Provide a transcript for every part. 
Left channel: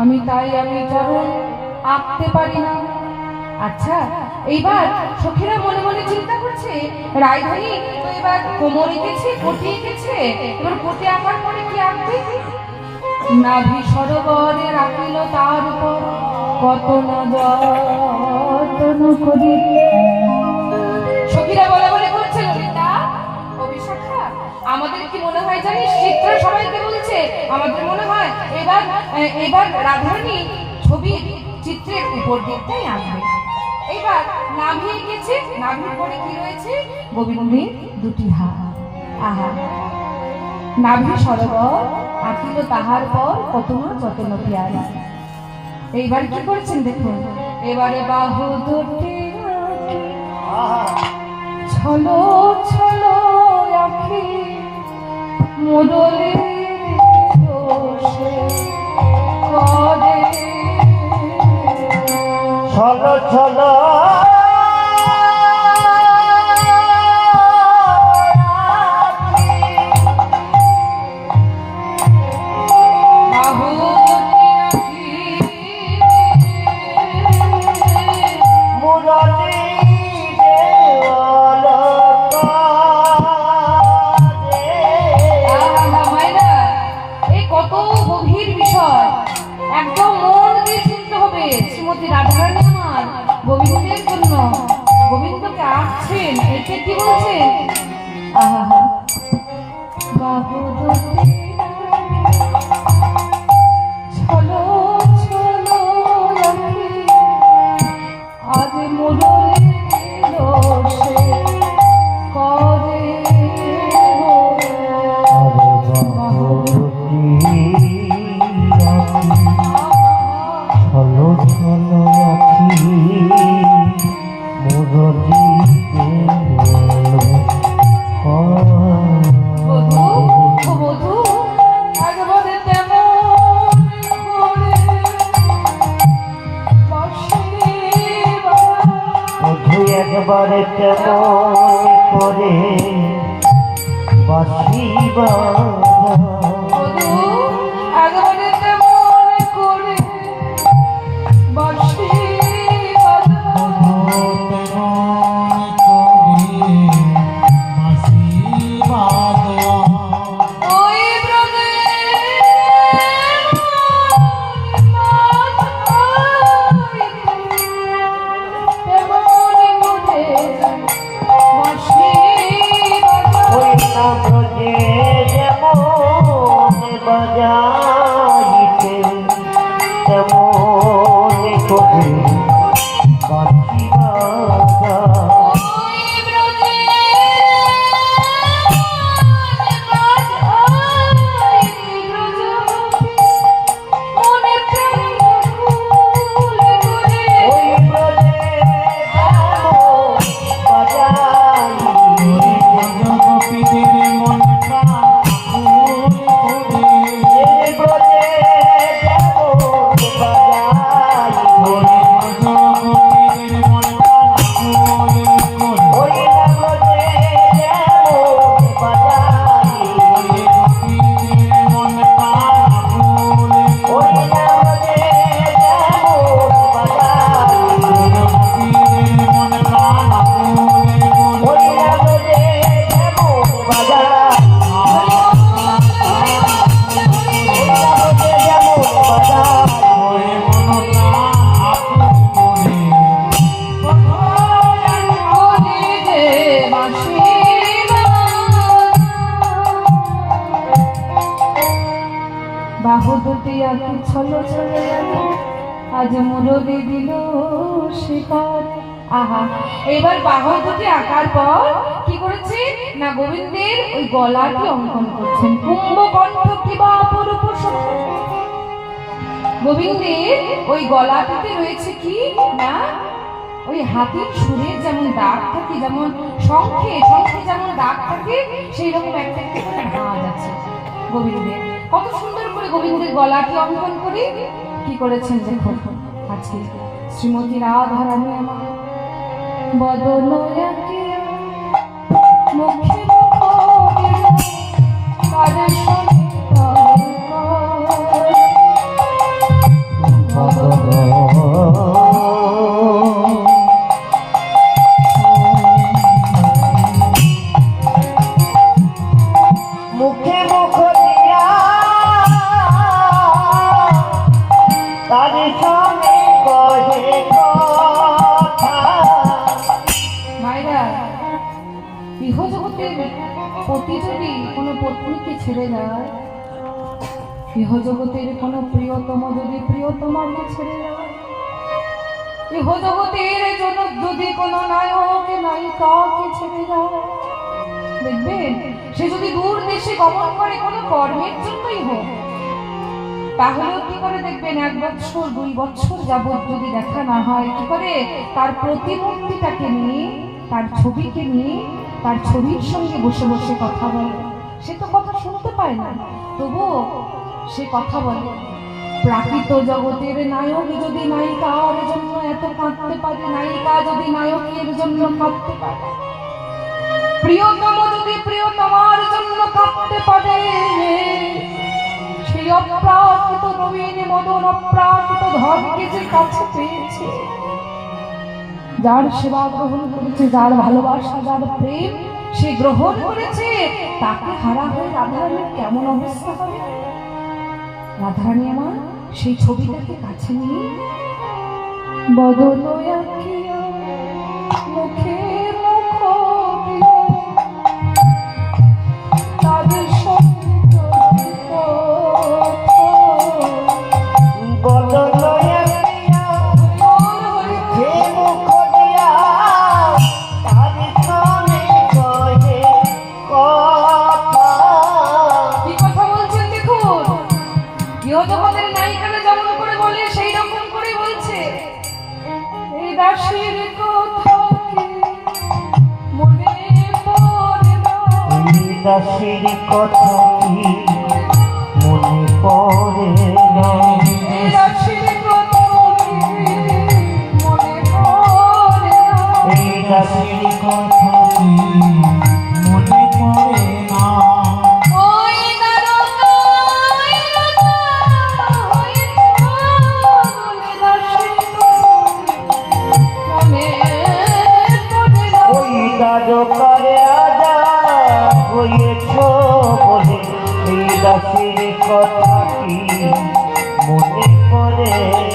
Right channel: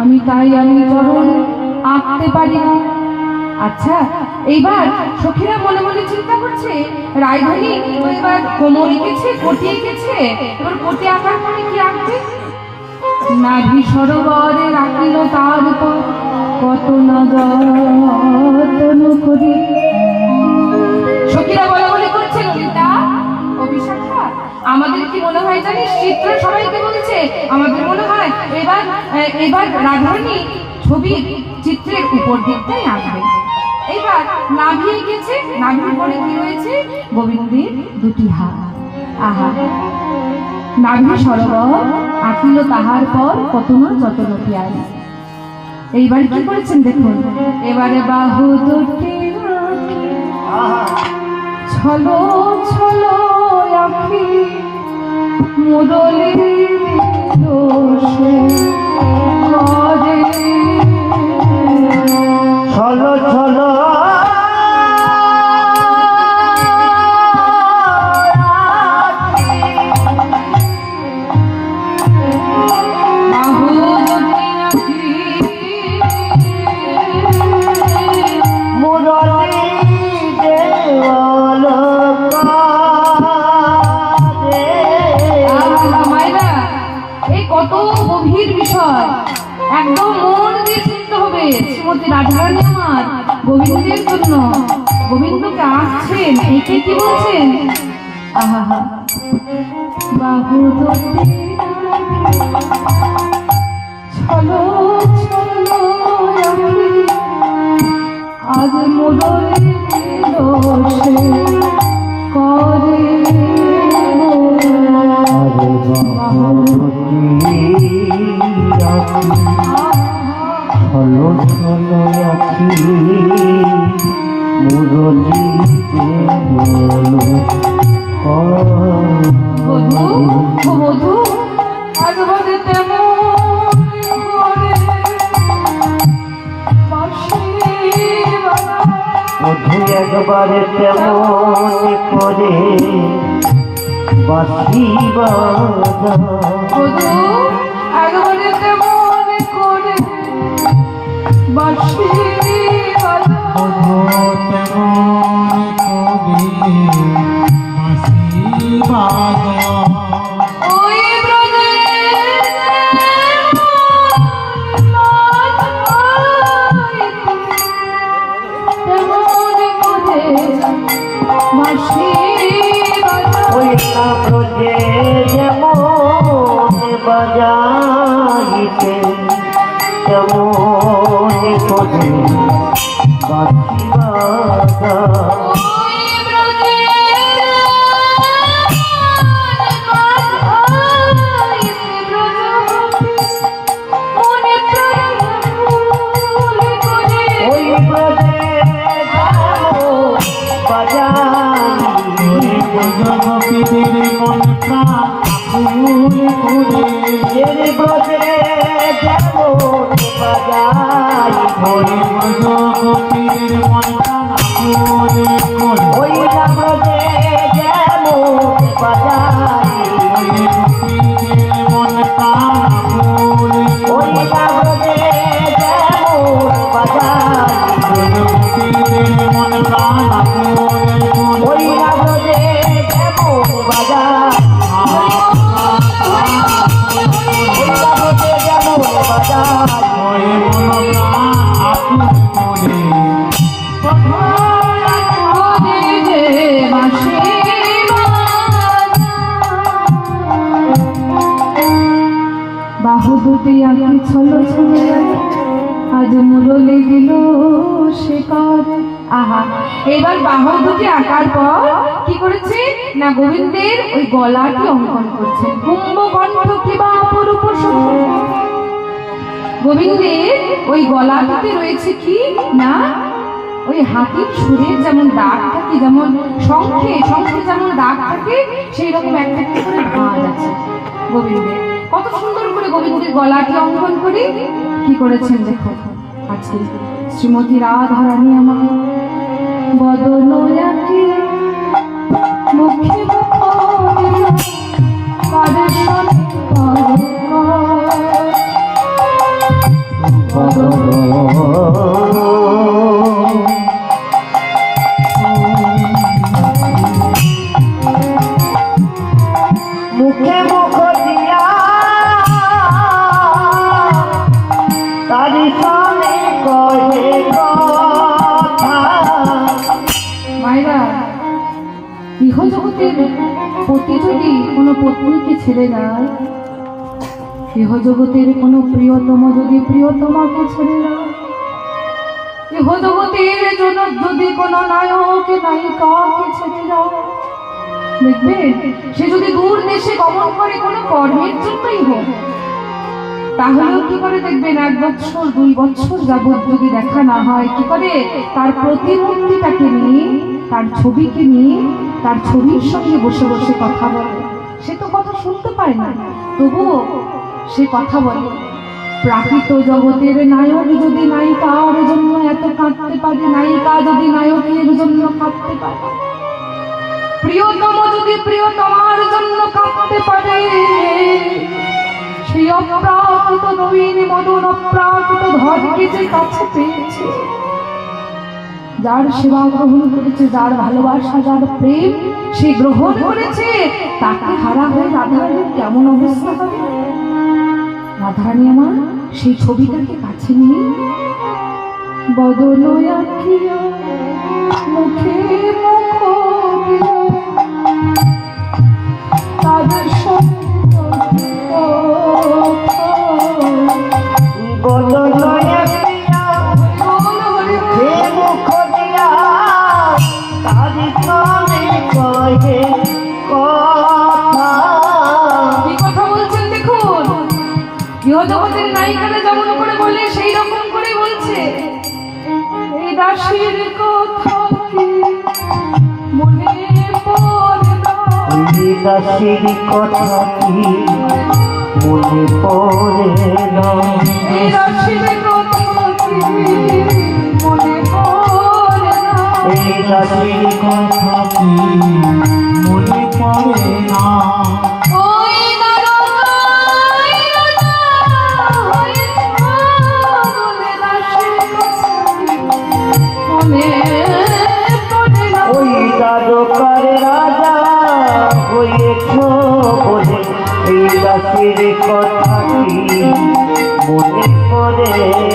আমি তাই আমি চরণ আঁকতে পারি না। আচ্ছা, এইবার সখীরা মনে মনে চিন্তা করছে রায়ধনী এবার কোমর এঁকেছে, কোটি এঁকেছে, এবার কোটি আঁকার পরে কি আঁকবে? নাভি সরোবরে রাখিল তার উপর কত না যত্ন করি। সখীরা বলে বলে করছে ললিতা ও বিশাখা, আমাদের কি মনে হয় জানিস, চিত্র সবাইকে বলছে আমাদের মনে হয় এবার এবার রাধারানী ছবির চিত্রের উপর দিকটাই আঁকবে। এবার নাভি গেছে, নাভির পরে কি রয়েছে? গোবিন্দের দুটি হাত। আহা, নাভি সরোবর আঁকিল তাহার পর কত না যতন পিয়ারি। এইবার কি করছেন দেখুন, এবারে বাহু দুটি ছলো ছলো আঁকি মুরলি দোষে ছলো ছলো গোবিন্দের জন্য গোবিন্দকে আঁকছেন, একে কি বলছেন? আহা, বাহু ছলো ছলো আজ মুরলি দোষে করে ছলো ছলো আঁকি মুরলি বধূ একবারে তেমন করে বধূ একবারে তেমন করে বাঁশি বাজা। বধূ একবারে তেমন করে বাঁশি আজ মুরলি দিল শিকার। আহা, এবার বাহু দুটি আঁকার পর কি করেছে না গোবিন্দের ওই গলাটি অঙ্কন করছেন। কুম্ভকণ্ঠ কিবা অপরূপ গোবিন্দের ওই গলাটিতে রয়েছে কি না ওই হাতির সুরের যেমন দাগ থাকে, যেমন শঙ্খে শঙ্খে যেমন দাগ থাকে, সেই রকম একটা করে ভাঁজ আছে গোবিন্দের। কত সুন্দর করে গোবিন্দের গলাটি অঙ্কন করে কি করেছেন দেখুন। করছে শ্রীমতী রাধা রানী আমার বদন আঁকি মুখে মুখে মুখ দিয়া তারি সনে কহে কথা। মায়েরা, ইহজগতের পতি যদি কোনো পত্নীকে ছেড়ে দেয়, ইহজগতের কোনো প্রিয়তম যদি প্রিয়তমাকে ছেড়ে দেয়, ইহজগতের জন্য যদি কোনো নায়ক নায়িকাকে ছেড়ে দেয়, দেখবেন সে যদি দূর দেশে গমন করে কোনো কর্মের জন্যই হোক, তাহলেও কি করে দেখবেন 1 বছর 2 বছর যাবৎ যদি দেখা না হয়, কি করে তার প্রতিমূর্তিটাকে নিয়ে, তার ছবিকে নিয়ে, তার ছবির সঙ্গে বসে বসে কথা বলে। সে তো কথা শুনতে পায় না, তবুও সে কথা বলে। প্রাকৃত জগতের নায়ক যদি নায়িকার জন্য এত কাঁদতে পারে, নায়িকা যদি নায়কের জন্য কাঁদতে পারে, প্রিয়তম যদি প্রিয়তমার জন্য কাঁদতে পারে, সেই অপ্রাকৃত নবীন মদন অপ্রাকৃত ধনকে যে কাছে পেয়েছে, যার সেবা গ্রহণ করেছে, যার ভালোবাসা, যার প্রেম সে গ্রহণ করেছে, তাকে হারা হয়ে রাধারানীর কেমন অবস্থা হবে? রাধারানী আমার সেই ছবিটাকে কাছে নিয়ে বদন আঁকিয়া মুখে মুখ দিয়া তাদের সঙ্গে কথা। বদন আঁকিয়া মুখে মুখ দিয়া তারি সনে কহে কথা। কি কথা বলছেন দেখুন, ইহজগতের নায়িকারা যেমন করে বলে সেই রকম করে বলছে। এই দাসীর কথা কি মনে পড়ে না, এই দাসীর কথা কি মনে পড়ে না, এই দাসীর কথা কি মনে পড়ে না, এই দাসীর কথা কি মনে পড়ে না। ওই দারোগাই রাজা হয়েছে বলে দাসীর কথা কি মনে পড়ে না। ওই দ্বারকার রাজা হয়েছ বলে এই দাসীর কথা কি মনে পড়ে না।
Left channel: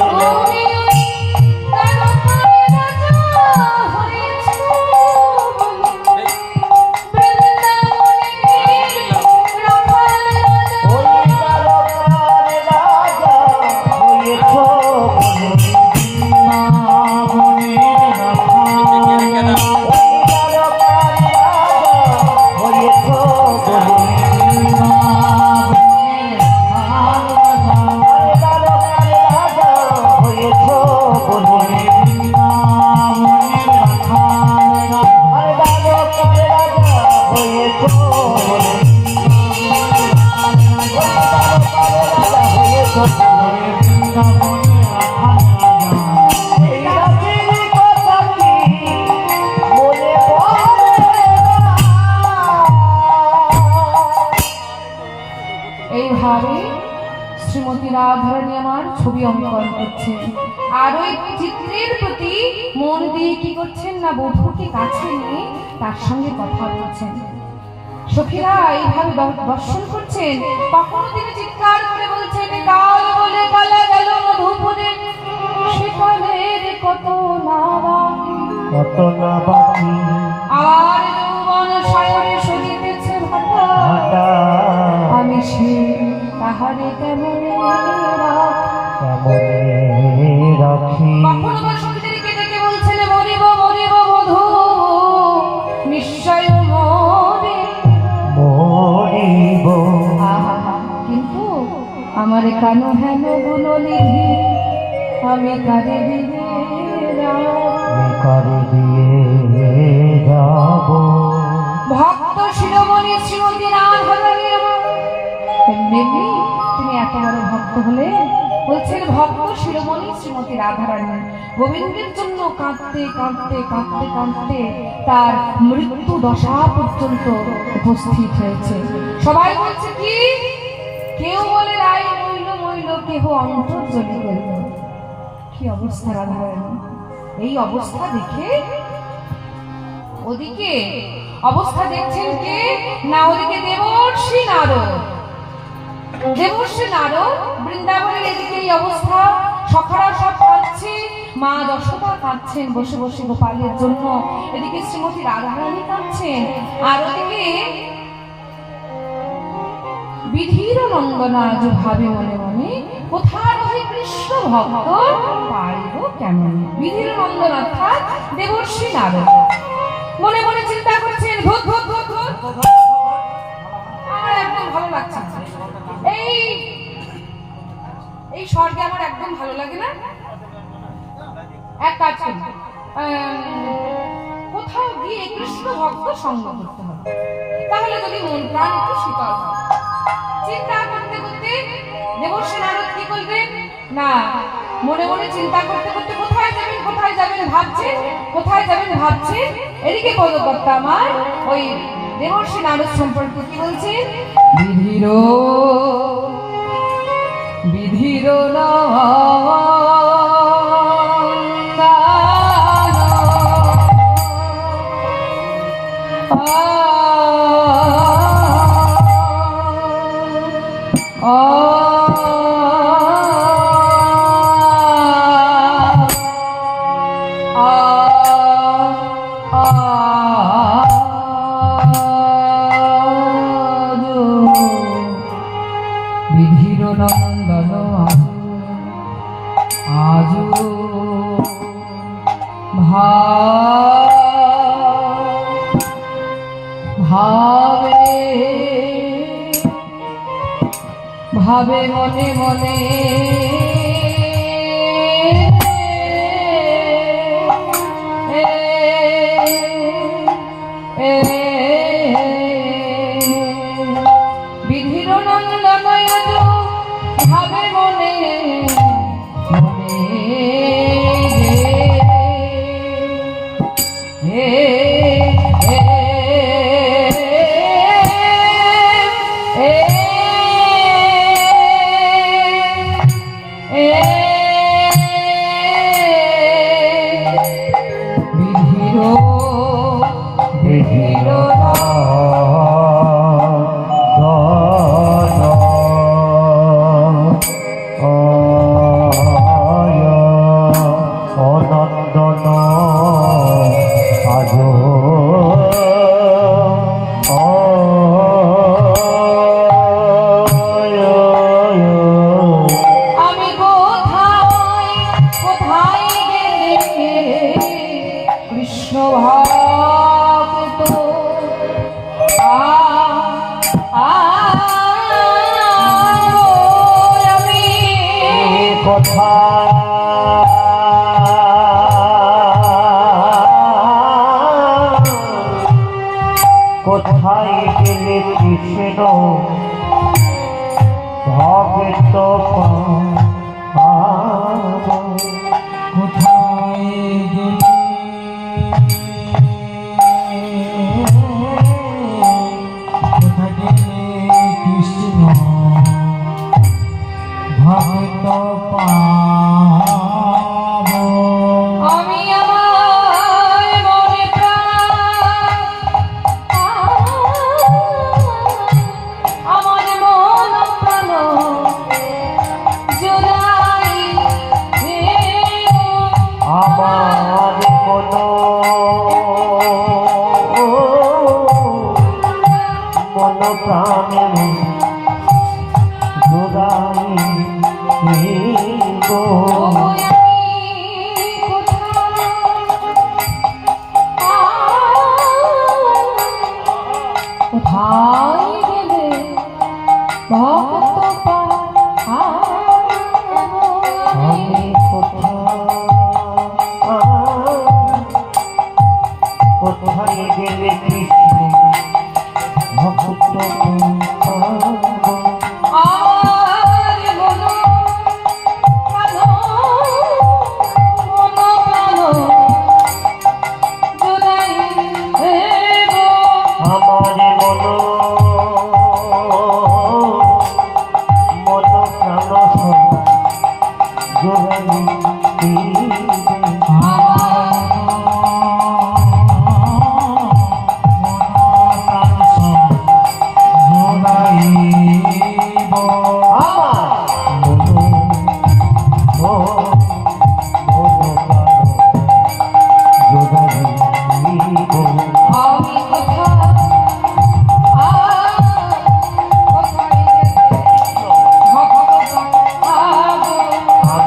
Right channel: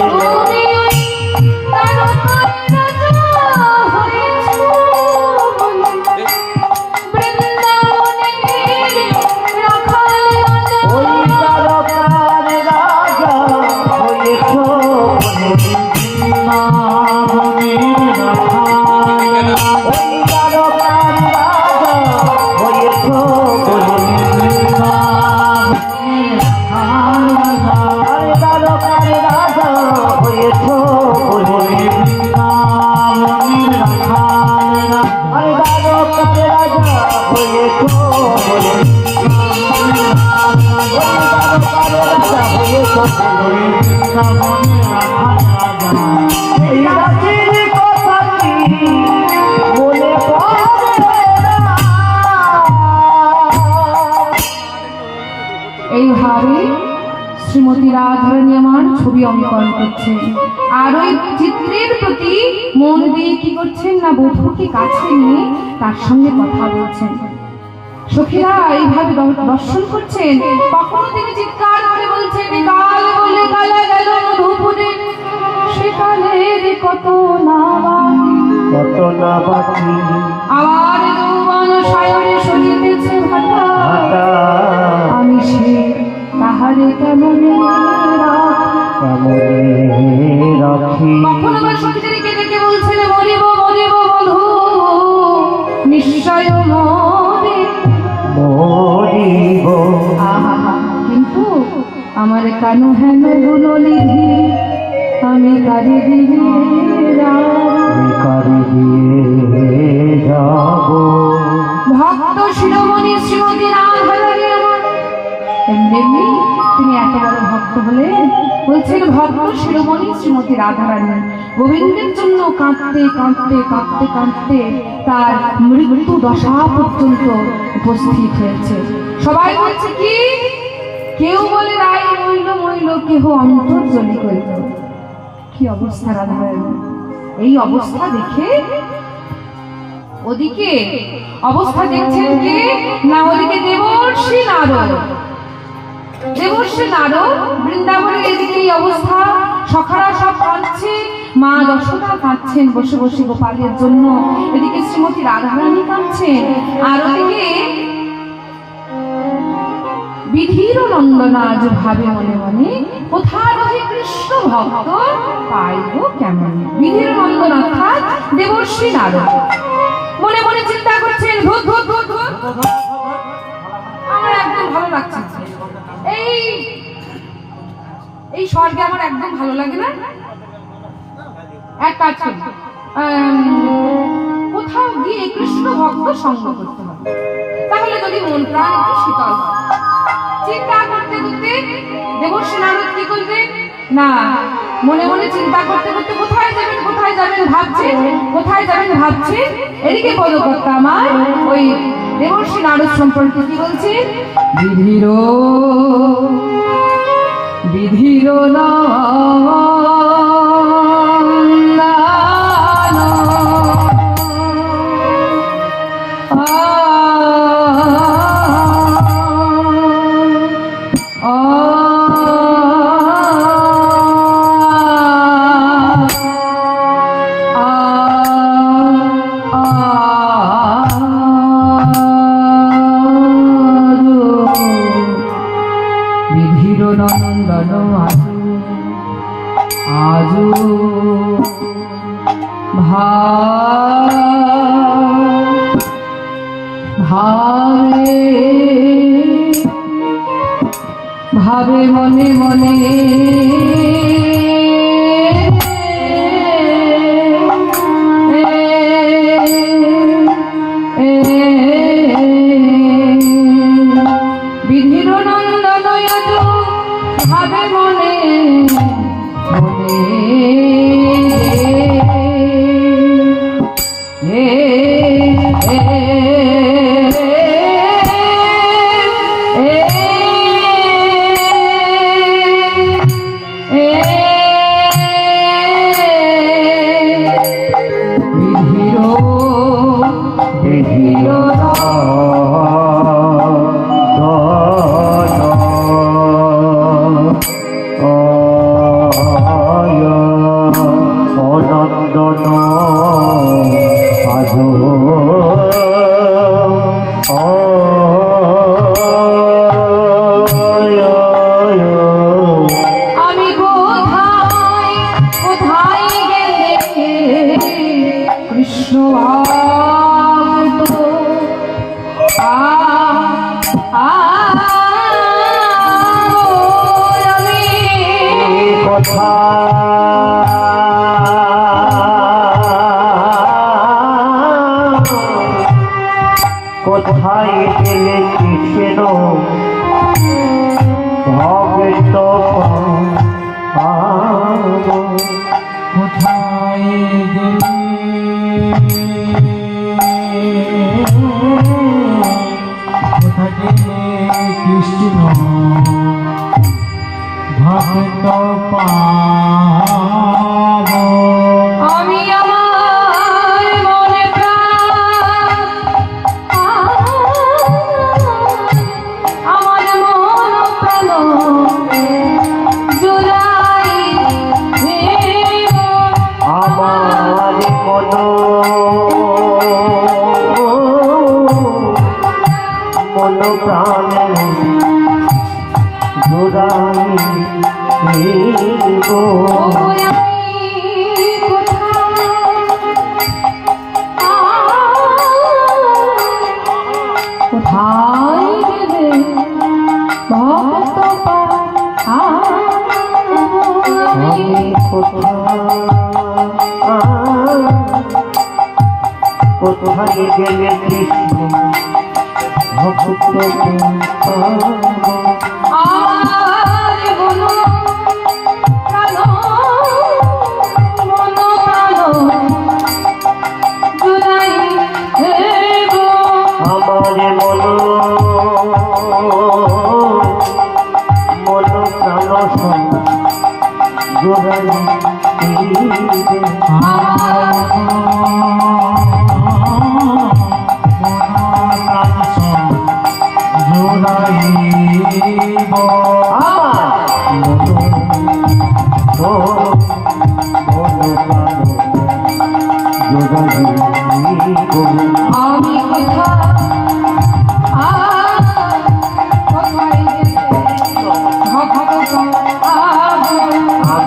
ওই দ্বারকার রাজা হয়েছ বলে এইভাবে শ্রীমতী রাধারানী আমার ছবি অঙ্কন করছেন, আর ওই চিত্রের প্রতি মন দিয়ে কি করছেন না, বধূকে কাছে নিয়ে তার সঙ্গে কথা বলছেন। সখীরা এইভাবে দর্শন করছেন, কখনো তিনি চিৎকার করে বলছেন, কাল বলে কালা গেল মধুপুরে, সেকালের কত না বাকি, কত না বাকি আমার যৌবন সায়রে সজিতেছে ভাটা, হাটা আমি সে তাহারে কেমনে রাখি। কখনো বা সখীদেরকে ডেকে বলছেন, মরিব মরিব বধূ নিশ্চয় মরে, মরিব কিন্তু আমার কান হেন গুলো নিধি, আমি কারে দিয়ে কারে দিয়ে যাব। ভক্ত শিরোমণি শ্রীমতী রাধারানী আমার এমনি তিনি এত বড় ভক্ত হলে বলছে রয়েছেন ভক্ত শিরোমণি শ্রীমতী রাধারানী। গোবিন্দের জন্য কাঁদতে কাঁদতে কাঁদতে কাঁদতে তার মৃত্যু দশা পর্যন্ত উপস্থিত হয়েছে। সবাই বলছে কি, কেউ বলে রায় মইল মইল, কেহ অন্তর্জলি করিল। কি অবস্থা রাধারানী! এই অবস্থা দেখে ওদিকে অবস্থা দেখছেন কে না, ওদিকে দেবর্ষি নারদ। দেবর্ষি নারদ বৃন্দাবনের এদিকে এই অবস্থা, সখারা সব কাঁদছে, মা যশোদা কাঁদছেন বসে বসে গোপালের জন্য, এদিকে শ্রীমতী রাধারানী কাঁদছেন, আর ওদিকে বিধির নন্দন আজ ভাবে মনে মনে, কোথা রহে কৃষ্ণ ভক্ত পাইব কেমন। বিধির নন্দন অর্থাৎ দেবর্ষি নারদ মনে মনে চিন্তা করছেন, ধুত ধুত ধুত ধুত, আমার একদম ভালো লাগছে না। এই স্বর্গে আমার একদম ভালো লাগে না। এক কাজ করি, কোথাও গিয়ে কৃষ্ণ ভক্ত সঙ্গ করতে হবে, তাহলে যদি মন প্রাণ একটু শীতল হয়। চিন্তা করতে করতে দেবর্ষি নারদ কি করবেন না, মনে মনে চিন্তা করতে করতে কোথায় যাবেন ভাবছেন, কোথায় যাবেন ভাবছেন। এদিকে পদকর্তা আমার ওই দেবর্ষি নারদ সম্পর্কে কি বলছে, বিধির বিধির বিধির নন্দন আজু ভাবে ভাবে মনে মনে, বিধির নন্দন ভাবে মনে মনে, কোথায় গেলে কৃষ্ণ ভক্ত কোথায় গেলে কৃষ্ণ ভক্ত আমি আমার মনে প্রাণ, আমার মন প্রাণ জুড়াই দেব, আমার মন প্রাণে জোড়াই গো। কোথায় গেলে ভক্ত আমি কোথায় গেলে কৃষ্ণ ভক্ত আমার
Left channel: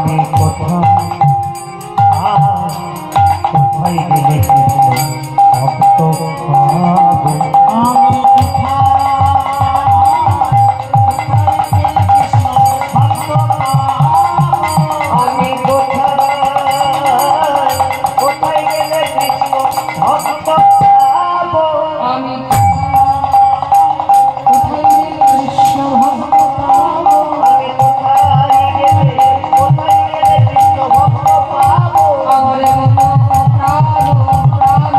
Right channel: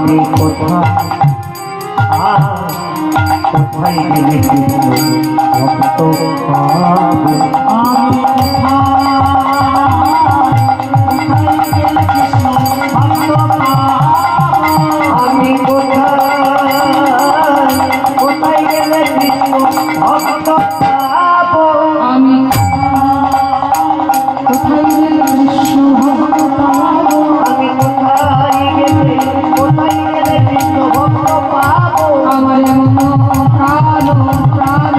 আমি কোথায় গেলে ভক্ত পাবো আমি কোথায় গেলে কৃষ্ণ ভক্ত পাবো আমি কোথায় গেলে কৃষ্ণ ভক্ত পাবো আমি কোথায় গেলে কৃষ্ণ ভক্ত পাবো আমার মন প্রাণ প্রাণ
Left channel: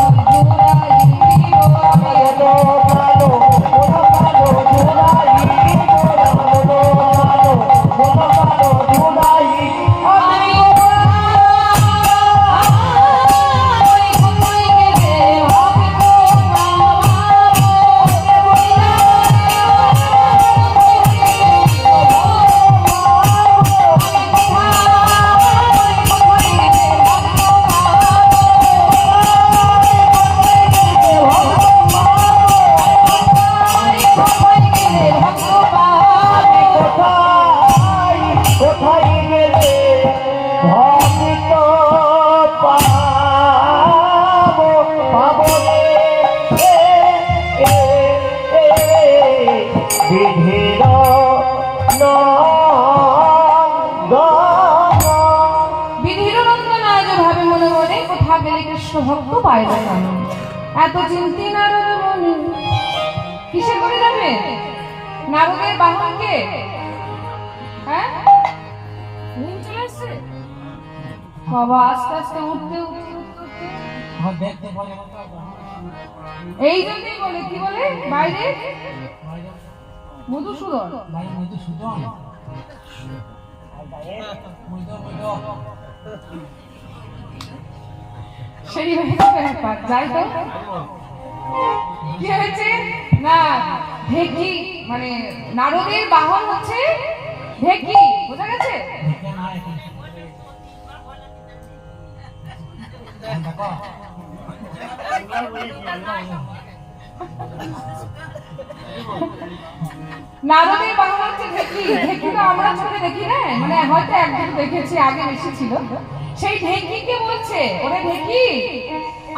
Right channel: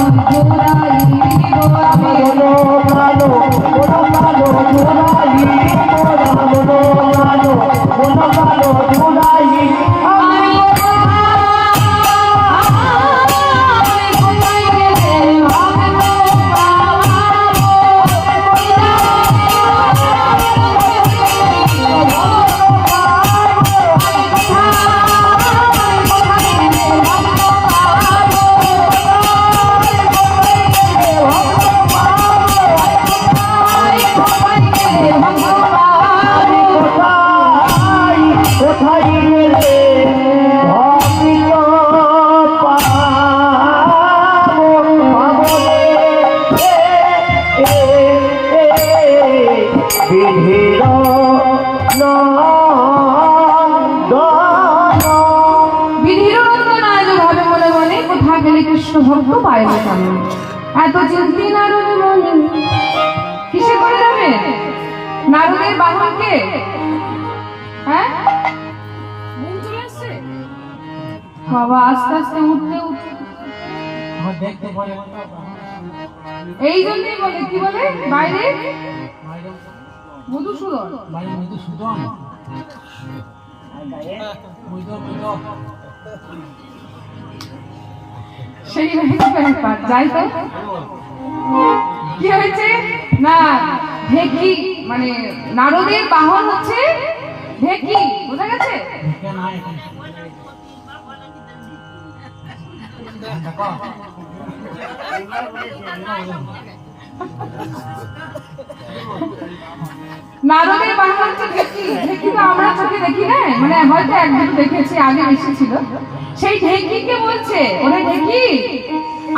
জোড়াই কৃষ্ণ ভক্ত পাইল কেমন এত চিন্তি নারদ মনে কিসে করে যাবে নারদের বাহনকে হ্যাঁ ঘুম চলে আসছে বাবা আস্তে আস্তে উঠতে উঠতে এই জন্যই বলে কি বলে বাইরে মধুসূদন সেই ব্যাপার যাই তো কি হয়েছে না ঢেকি মানে নারদের বাহন হচ্ছে ঢেকি বোঝা গেছে নারদের বাহন হচ্ছে ঢেকি ঢেকি তো আমরা চোখে দেখি না মানে হয়তো একদিন দেখেছি আগে বেশি ছিল সেই ঢেকিকে বলছে ওরে ঢেকি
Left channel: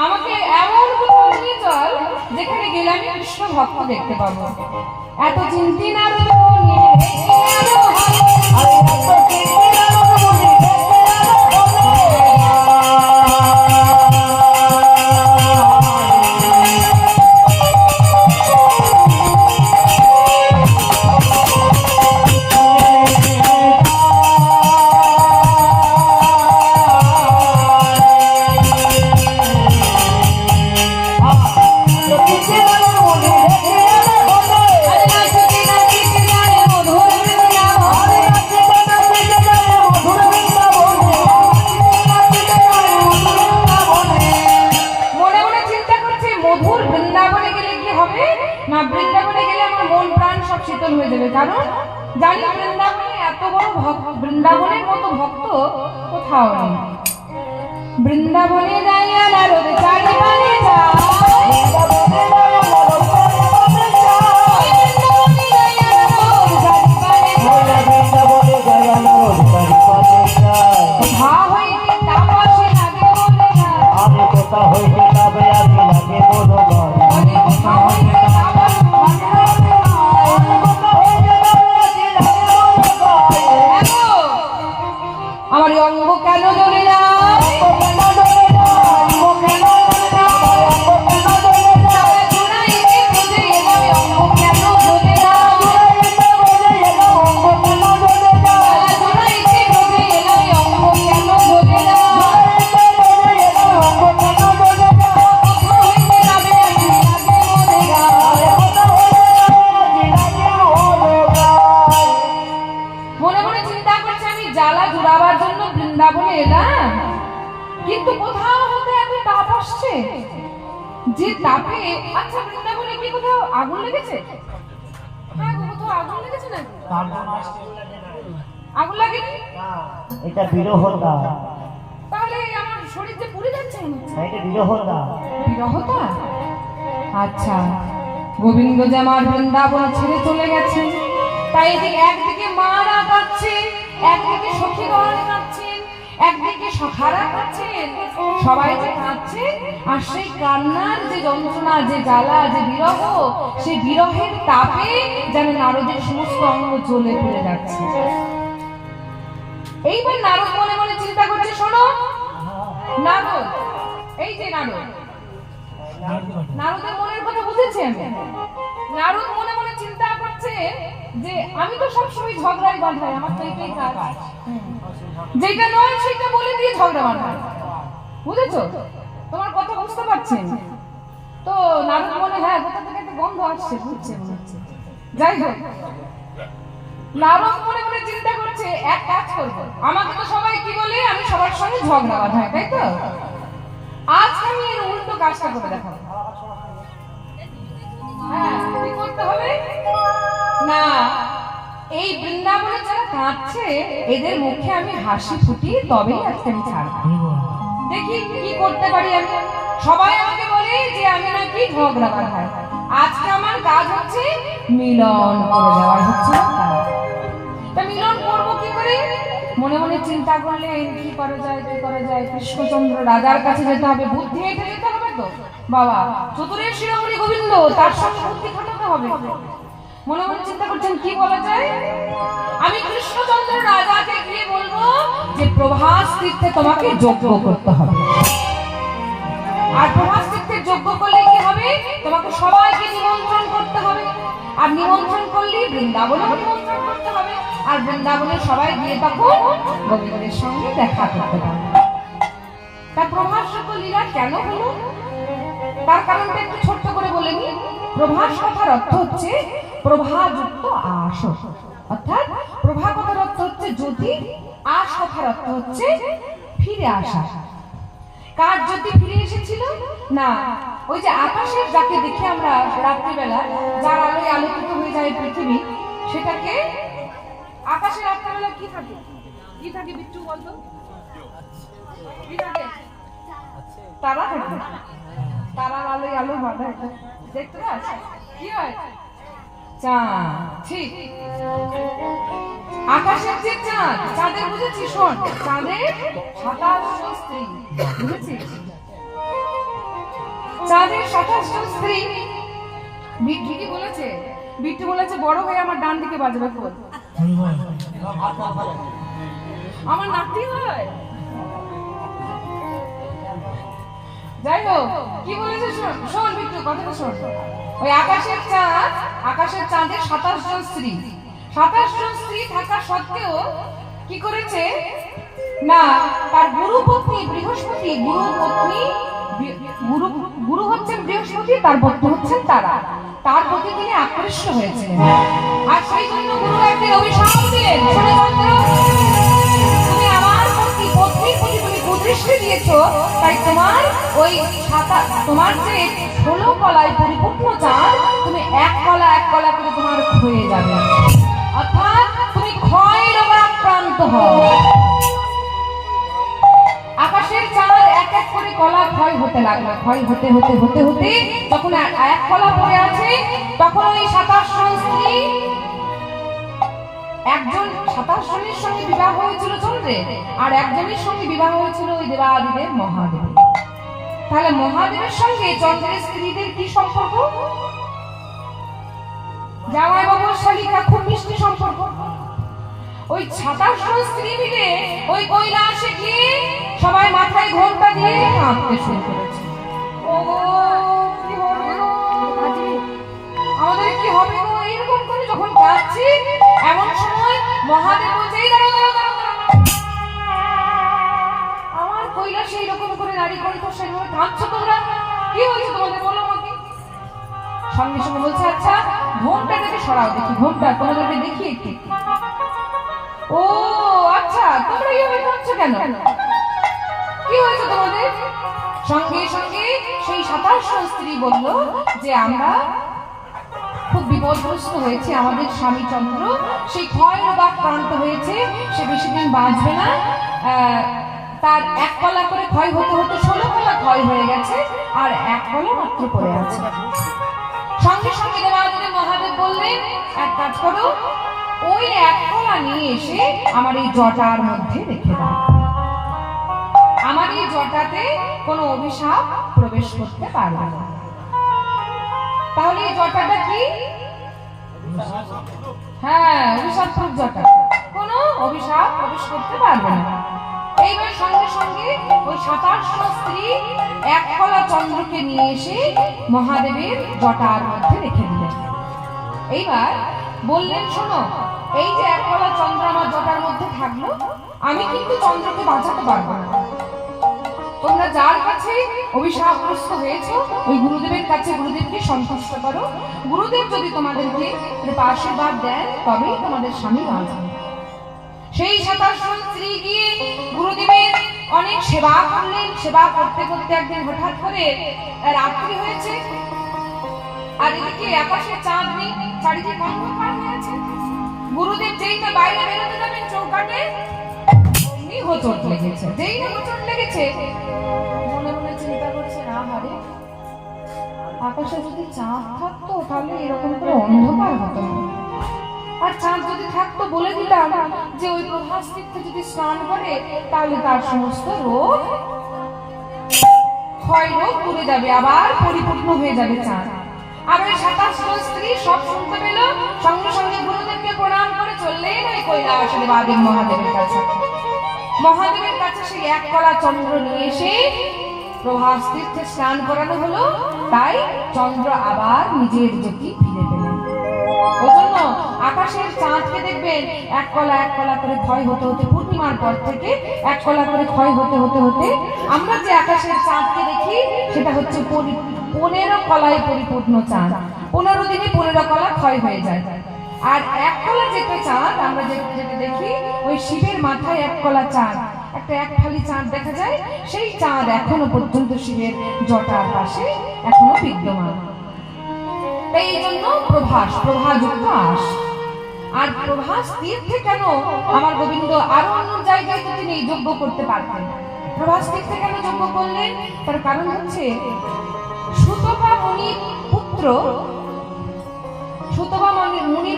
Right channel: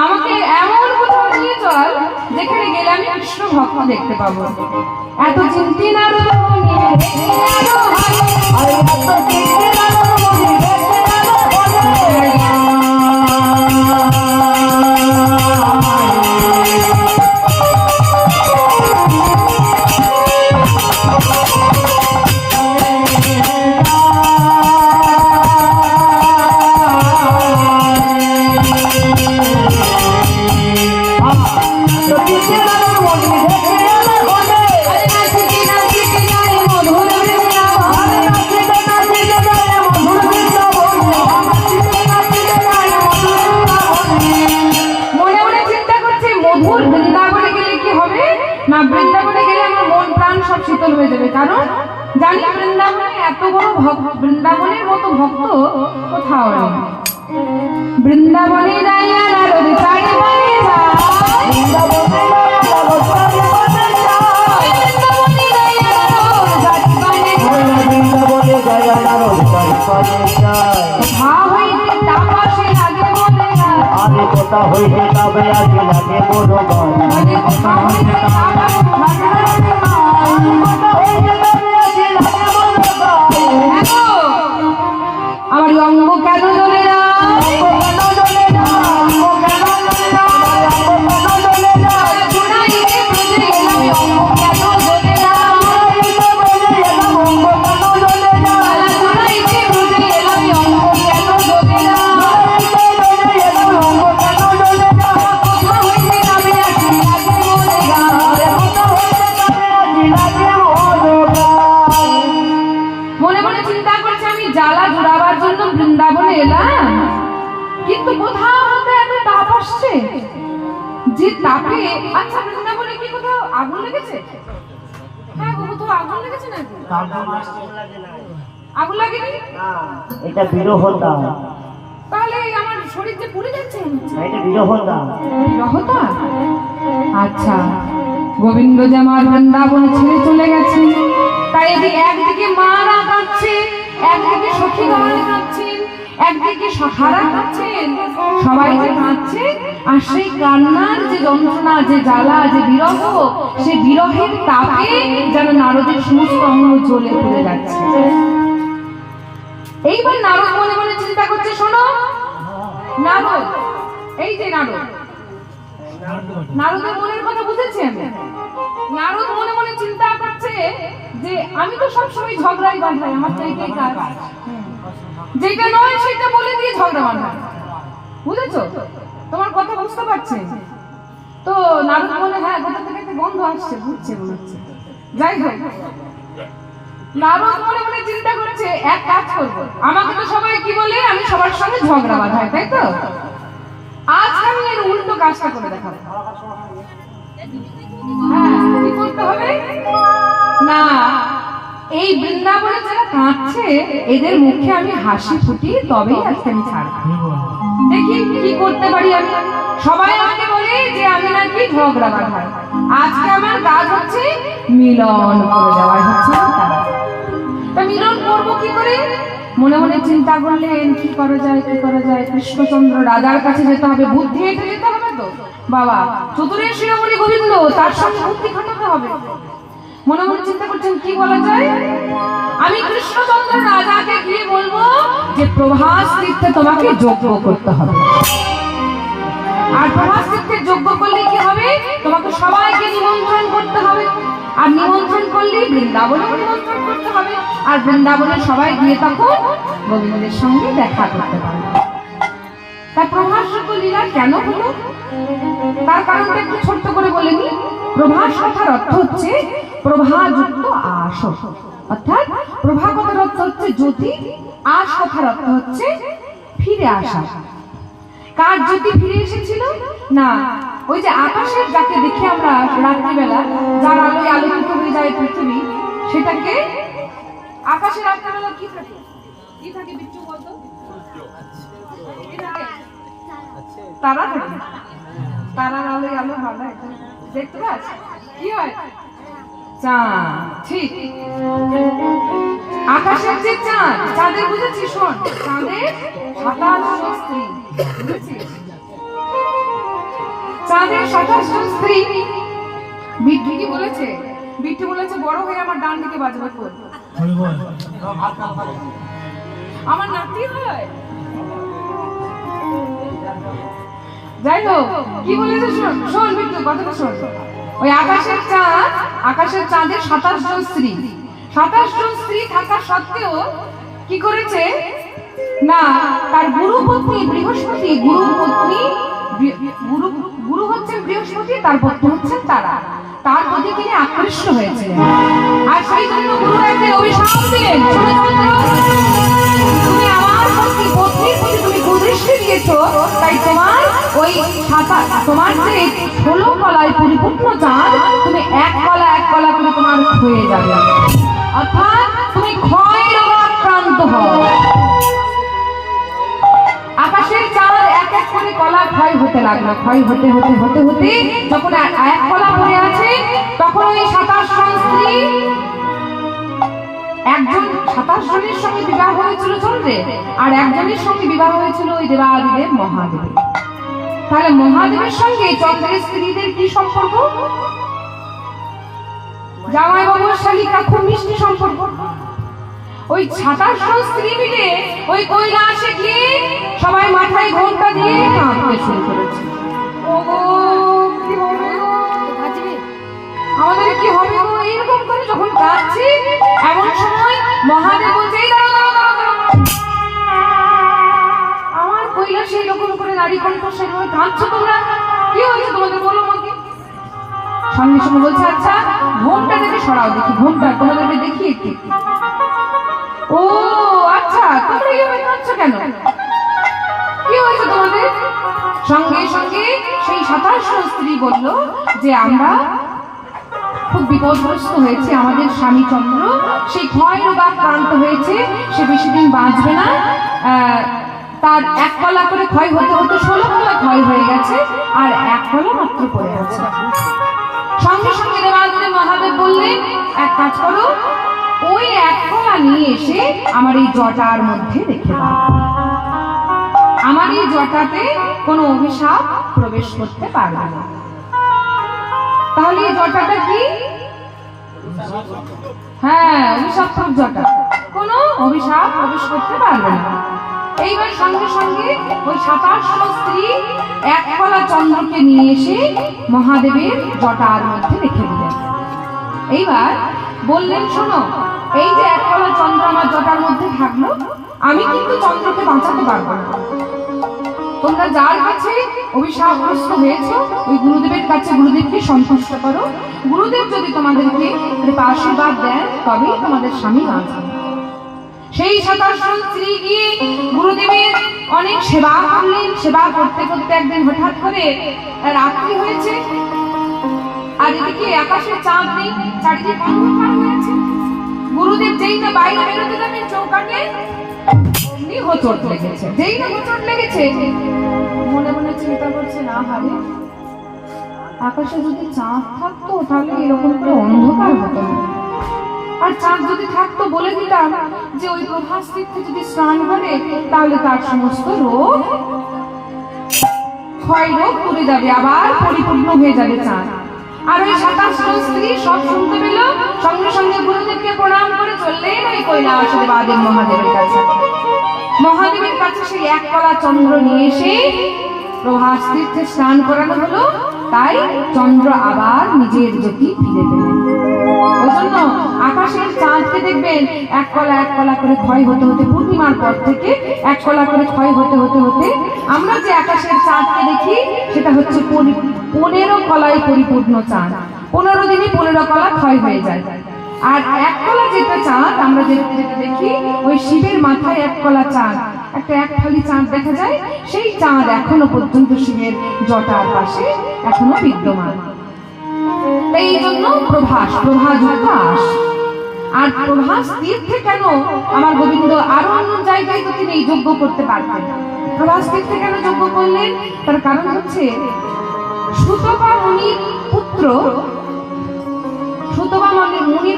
আমাকে এমন কোথাও নিয়ে চল যেখানে গেলে আমি কৃষ্ণ ভক্ত দেখতে পাবো এত চিন্তি নারদ কারণ জানি বৃন্দাবনে এত বড় বৃন্দাবনের মতো ভক্ত কোথাও নেই বৃন্দাবনে যাইয়া নারদ চারি পারে যায় বৃন্দাবনে যাইয়া নারদ চারি পারে যায় মা হইতে তাপসে লাগে বলে না আরে কথা হইতে তবে আজ লাগে বড় মানে মা হইতে আমার অঙ্গ কেন জ্বলে না যে তাপে, আচ্ছা বৃন্দাবনে কি কোথাও আগুন লেগেছে? হ্যাঁ গো, কোথাও আগুন লেগেছে নাকি? আগুন লাগেনি? এটা বিরহর দাম। তাহলে আমার শরীর যে পুড়ে যাচ্ছে মনে হচ্ছে। এটা বিরহর দাম। বিরহতা? আচ্ছা, গোবিন্দ যে আমার বৃন্দাবন ছেড়ে চলে গেছে, তাই এদিকে একদিকে মারা কাঁদছে, একদিকে সখী গণালে কাঁদছেন, একদিকে সখারা কাঁদছেন, সবাই যে কাঁদছে, আর সেই কান্নার যে যন্ত্রণা, যে জ্বালা, যে বিরহ, সেই বিরহের তাপে যেন নারদের সমস্ত অঙ্গ জ্বলে পড়ে যাচ্ছে। এইবার নারদ মনে মনে চিন্তা করছে, শোনো নারদ, এই যে নারদ, নারদের মনের কথা বুঝেছি আমি। নারদ মনে মনে চিন্তা করছে যে আমি তো সবসময় ঝগড়াই বাঁধাই, আমার তো এইটাই কাজ, যেটা নয় সেটা বলে দিয়ে ঝগড়া বাঁধাই, বুঝেছো? তোমার কথা বুঝতে পারছি। তো নারদ বলে, হ্যাঁ কোথা থেকে একটা গন্ধ আসছে, বুঝছে মনে হচ্ছে। যাই হোক, নারদ মনে মনে চিন্তা করছে, এক কাজ করবো, আমাকে তো সবাই কি বলে, আমি সবার সঙ্গে ঝগড়া বাঁধাই, তাই তো? আজ আমি এর উল্টো কাজটা করে দেখাবো। হ্যাঁ, কি করতে হবে না, এই বৃন্দাবনে যারা কাঁদছে এদের মুখে আমি হাসি ফুটি, তবেই আজকে আমি ছাড়বো। দেখি কি করতে পারি আমি। সবাই আমাকে বলে যে আমি নাকি ঝগড়া বাঁধাই, আজকে আমার কাজ হচ্ছে মিলন করে দেওয়াই হচ্ছে তার। তা মিলন করবো কি করে? মনে মনে চিন্তা করলেন, কি করা যায়, কি করা যায়। কৃষ্ণচন্দ্র রাজার কাছে যেতে হবে, বুদ্ধি এঁটে যেতে হবে তো বাবা, চতুরের শিরোমণি গোবিন্দ, তার সঙ্গে বুদ্ধি খাটাতে হবে। মনে মনে চিন্তা করছেন কি বলা যায়। আমি কৃষ্ণচন্দ্র রাজাকে গিয়ে বলবো যে প্রভাস তীর্থে তোমাকে যজ্ঞ করতে হবে, আর প্রভাস তীর্থে যজ্ঞ করলে কি হবে, তোমাকে সবাইকে নিমন্ত্রণ করতে হবে, আর নিমন্ত্রণ করলে বৃন্দাবনে নিমন্ত্রণ করতে হবে, আর বৃন্দাবনে সবাই গিয়ে তখন গোবিন্দের সঙ্গে দেখা করতে পারবে। তাই প্রভাস যজ্ঞ লীলা কেন হলো তার কারণটা একটু ছোট্ট করে বলে নি। প্রভাস কথার অর্থ হচ্ছে প্রভাযুক্ত আশ, অর্থাৎ প্রভা কথার অর্থ হচ্ছে জ্যোতি, আশ কথার অর্থ হচ্ছে ফিরে আসা। কার জ্যোতি ফিরে এসেছিল না, ওই যে আকাশের যাকে দেখে আমরা রাত্রিবেলা, যার আলোয় আলোকিত হয়ে যায় পৃথিবী, সেটাকে আকাশের রাত্রিবেলা কি থাকে, কি থাকে বিচ্ছু বলতো, কি থাকে? তারা থাকে, তারার আলোয় আলো ভাবে, এটা দেখতে পাচ্ছ কি হয়, চাঁদ। ঠিক, আকাশের যে চাঁদ, চাঁদের বুঝেছি, শোন, চাঁদের 27 স্ত্রী, বুঝেছিস? চাঁদের 27 স্ত্রী। বিট্টু কি বলেছে? বিট্টু বলেছে বড় হয়ে আমার ডান দিকে বাজবে ফোন, আমার নাতি হয়। যাই হোক, কি বলেছে শোন, শোন বিট্টু কথাটা শোন। ওই আকাশের চাঁদ, আকাশের চাঁদের 27 জন স্ত্রী, 27 জন স্ত্রী থাকা সত্ত্বেও কি করেছে না, তার গুরু পত্নী বৃহস্পতি, গুরু হচ্ছেন বৃহস্পতি, তার পত্নী হচ্ছেন তারা, তার প্রতি তিনি আকৃষ্ট হয়েছিলেন। আর সেই জন্য গুরু একদিন অভিশাপ দিলেন, তুমি আমার প্রতি পত্নীর প্রতি তুমি কুদৃষ্টি দিয়েছো, তাই তোমার ওই তোমার যে 16 কলায় পরিপূর্ণ চাঁদ, তুমি এক কলা করে তোমার হয়ে যাবে, অর্থাৎ তুমি ক্ষয় রোগে আক্রান্ত হও। আকাশের চাঁদ এক এক করে কলা ক্ষয় হতে লাগলো, ক্ষয় হতে হতে হতে হতে যখন এক কলা পড়ে আছে, তখন ওই 27 জন স্ত্রী, একজন 27 জনের সঙ্গে বিবাহ হয়েছিল চন্দ্রের, আর একজনের সঙ্গে বিবাহ হয়েছিল ওই দেবাদিদেব মহাদেব। তাহলে মহাদেবের সঙ্গে চন্দ্রের স্ত্রীদের কি সম্পর্ক? জামাই বাবুর শালিকা, খুব মিষ্টি সম্পর্ক। ওই 27 জন স্ত্রী মিলে ওই কৈলাসে গিয়ে সবাই মাথায় ঘোমটা দিয়ে কাঁদতে শুরু করেছে। আমাদের কি হবে গো এরকম করে যখন কাঁদছি? এমন সময় মহাদেব বলছে, আমার কৈলাসে এরকম করে নারী কণ্ঠস্বর হয়ে কাঁদছো তোমরা, কি হয়েছে তোমাদের বলো আমাকে। সঙ্গে সঙ্গে বলছে, আচ্ছা ঘোমটা থেকে সরাও দেখি, ঘোমটা তোমাদেরকে দেখি একটু। ও আচ্ছা, তোমরা এইভাবে কাঁদছো কেন, কি হয়েছে তোমাদের? সঙ্গে সঙ্গে 27 স্ত্রী বলল যে আমরা খুব বিপদগ্রস্ত হয়েছে, আমাদের স্বামী চন্দ্র সেই ক্ষয় রোগে আক্রান্ত হয়েছে, সে বেশি দিন বাঁচবে না। তার 1 কলা করে ক্ষয় হতে হতে 16 কলা ক্ষয় হয়ে গেছে, আর 1 কলা মাত্র পড়ে আছে। সঙ্গে সঙ্গে দেবাদিদেব মহাদেব বললেন, এক কাজ করো, ওই 1 কলা নিয়ে এসে আমার এই জটার মধ্যে রেখে দাও। আমার এই জটাতে কোনো অভিশাপ প্রবেশ করতে পারবে না। তাহলে এই জটাটা কি? হ্যাঁ, অভিশাপ জটা, কোনো অভিশাপ প্রবেশ করতে পারবে না। এইবার সঙ্গে সঙ্গে ওই 27 স্ত্রী 1 কলা চন্দ্রকে নিয়ে এসে মহাদেবের জটার মধ্যে রেখে দিলেন। এইবার বললেন, শোনো, এই যে 1 কলা চন্দ্র আমার জটার মধ্যে থাকলো, আমি কিন্তু চন্দ্রকে বাঁচাতে পারবো না। তোমরা যার কাছে অভিশাপগ্রস্ত হয়েছে ওই গুরুদেবের কাছে গুরুদেবকে সন্তুষ্ট করো। গুরুদেব যদি তোমাদেরকে আশীর্বাদ দেন তবেই তোমাদের স্বামী বাঁচবে। সেই 27 স্ত্রী গিয়ে গুরুদেবের অনেক সেবা করলেন। সেবা করতে করতে একদিন হঠাৎ করে রাত্রি হয়েছে, আর এদিকে আকাশে চাঁদ নেই, চারিদিকে অন্ধকার হয়েছে। গুরুদেব যেই না বাইরে বেরোতে যাবেন চৌকাঠে, অমনি হোঁচট লেগেছে। যেই না হোঁচট লেগেছে, মনে মনে চিন্তা করছে, না ভাবে আকাশে যদি চাঁদ থাকতো তাহলে এরকম করে অন্ধকার হতো না। আর চাঁদ যদি থাকতো বলে দিলাম যে ওই প্রভাস তীর্থে যদি স্নান করে তাহলে তার সমস্ত রোগ ক্ষয় রোগ করে যাবে, আবার পরিপূর্ণ হয়ে যাবে চাঁদ। আর ওই 27 স্ত্রী সব শুনতে পেল, সঙ্গে সঙ্গে গুরুদেবকে প্রণাম করে চললেন ওই কৈলাস দেবাদেব মহাদেবের কাছে। মহাদেবের কাছে সেই 1 কলা চন্দ্র নিয়ে এসে প্রভাস তীর্থে স্নান করানো হলো, তাই চন্দ্র আবার নিজের জ্যোতি ফিরে পেলেন। ওই জন্য আকাশের চাঁদকে দেখবেন 1 কলা করে ক্ষয় হতে হতে, পূর্ণিমার পর থেকে 1 কলা করে ক্ষয় হতে হতে হতে আমরা যে আকাশের চাঁদকে দেখি সেটা হচ্ছে 15 কলায় পরিপূর্ণ চাঁদ। 15 দিনে 15 কলা ক্ষয় হয়ে যায়। আর 1 কলা যেটা চাঁদ আমরা যেটা দেখি, ওই শিবের মাথায় 1 কলা চাঁদ, একটা 1 ফালি চাঁদ দেখা যায়, সেই চাঁদ এখনো পর্যন্ত শিবের জটার পাশে এখনো বিদ্যমান। এই জন্য প্রভাযুক্ত আস। আর প্রভাস তীর্থে কেন আমার গোবিন্দ আরো অন্য জায়গায় তো তিনি যজ্ঞ করতে পারতেন, প্রভাস তীর্থে কেন যজ্ঞ করলেন? তার কারণ হচ্ছে সুতপা মুনির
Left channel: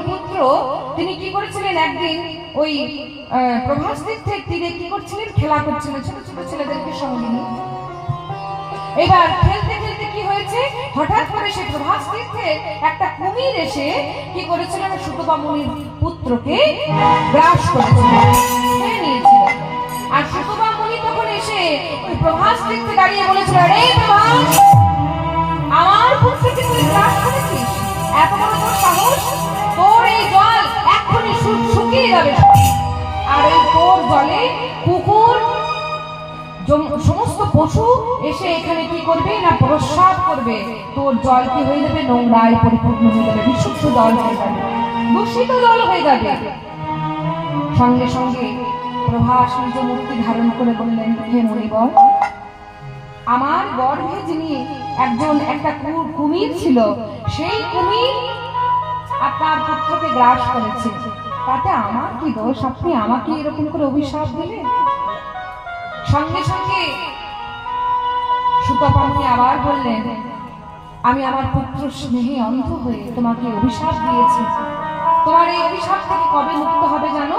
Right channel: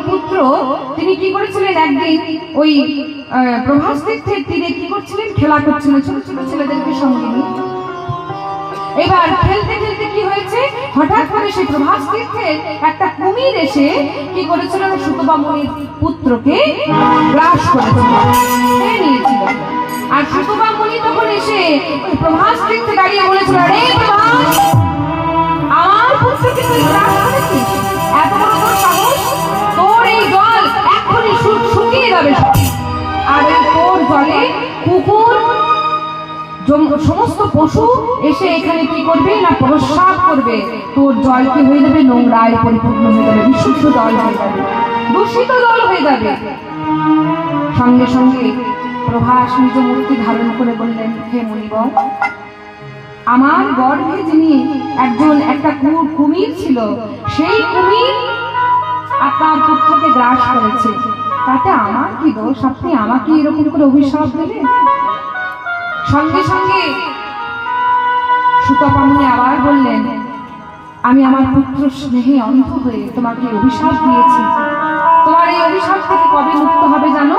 পুত্র তিনি কি করেছিলেন, একদিন ওই প্রভাস তীর্থের তীরে কি করছিলেন, খেলা করছিলেন ছোট ছোট ছেলেদেরকে সঙ্গে নিয়ে। এবার খেলতে খেলতে কি হয়েছে, হঠাৎ করে সেই প্রভাস তীর্থে একটা কুমির এসে কি করেছিল, সুতপা মুনির পুত্রকে গ্রাস করেছিল, খেয়ে নিয়েছিল। আর সুতপা মুনি তখন এসে ওই প্রভাস তীর্থে দাঁড়িয়ে বলেছিল, রে প্রভাস, আমার পুত্রকে তুই গ্রাস করেছিস, এত বড় তোর সাহস, তোর এই জল এখনই শুকিয়ে যাবে। আর তোর জলে কুকুর সমস্ত পশু এসে এখানে কি করবে না, প্রস্রাব করবে, তোর জল কি হয়ে যাবে, নোংরায় পরিপূর্ণ হয়ে যাবে, বিশুদ্ধ জল হয়ে যাবে, দূষিত জল হয়ে যাবে। সঙ্গে সঙ্গে প্রভাস নিজ মূর্তি ধারণ করে বললেন, হে মুনিবর, আমার গর্ভে যিনি একটা কুমির ছিল, সেই কুমির আপনার পুত্রকে গ্রাস করেছে, তাতে আমার কি দোষ, আপনি আমাকে এরকম করে অভিশাপ দিলেন? সঙ্গে সঙ্গে সুতপা মুনি আবার বললেন, আমি আমার পুত্র স্নেহে অন্ধ হয়ে তোমাকে অভিশাপ দিয়েছি, তোমার এই অভিশাপ থেকে কবে মুক্ত হবে জানো?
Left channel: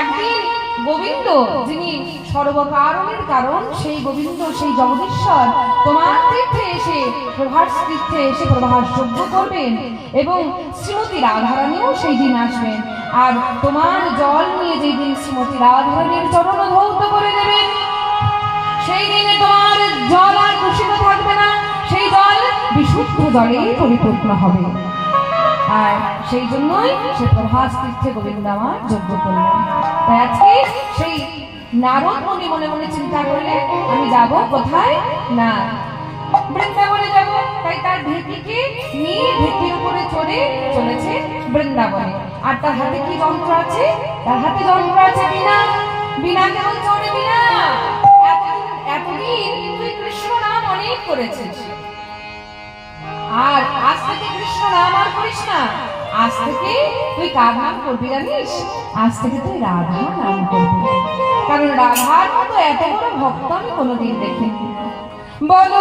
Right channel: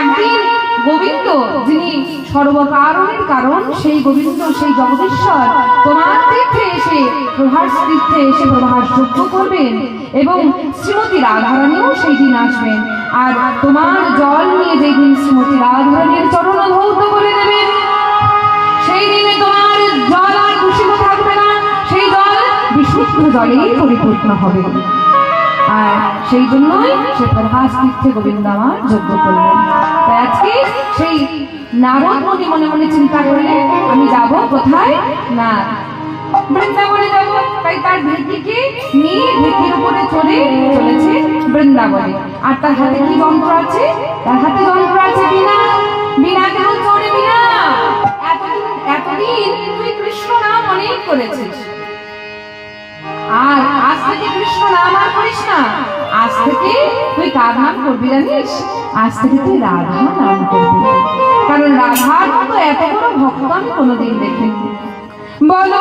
একদিন গোবিন্দ, যিনি সর্বকারণের কারণ, সেই গোবিন্দ, সেই জগদীশ্বর তোমার তীর্থে এসে, প্রভাস তীর্থে এসে প্রভাস যজ্ঞ করবেন, এবং শ্রীমতী রাধারানীও সেই দিন আসবেন। আর তোমার জল নিয়ে যেদিন শ্রীমতী রাধারানীর চরণ ধৌত করে দেবেন, সেই দিনে তোমার জল আর দূষিত থাকবে না, সেই জল বিশুদ্ধ জলে পরিপূর্ণ হবে। আর সেই জন্যই সে প্রভাস তীর্থে গোবিন্দ আমার যজ্ঞ করলেন। তাই আজকে সেই নারদ মুনি মনে মনে চিন্তা করলেন, আমি যাব কোথায় না, বৃন্দাবনে যাব। তাই তার ঢেকিকে নিয়ে ঢেকির উপরে চড়ে চলেছে বৃন্দাবনে। আর তার হাতে কি যন্ত্র আছে? তার হাতে যন্ত্র আছে বীণা। বীণা কেমন চড়ে? বীণা, এতদিন তুই কৃষ্ণ নাম অনেক করেছিস, আজ থেকে তুই কার নাম করবি জানিস? আজ থেকে তুই রাধা নাম করবি, কারণ রাধার মতো এত বড় ভক্ত আমি কোনোদিন দেখিনি। বলো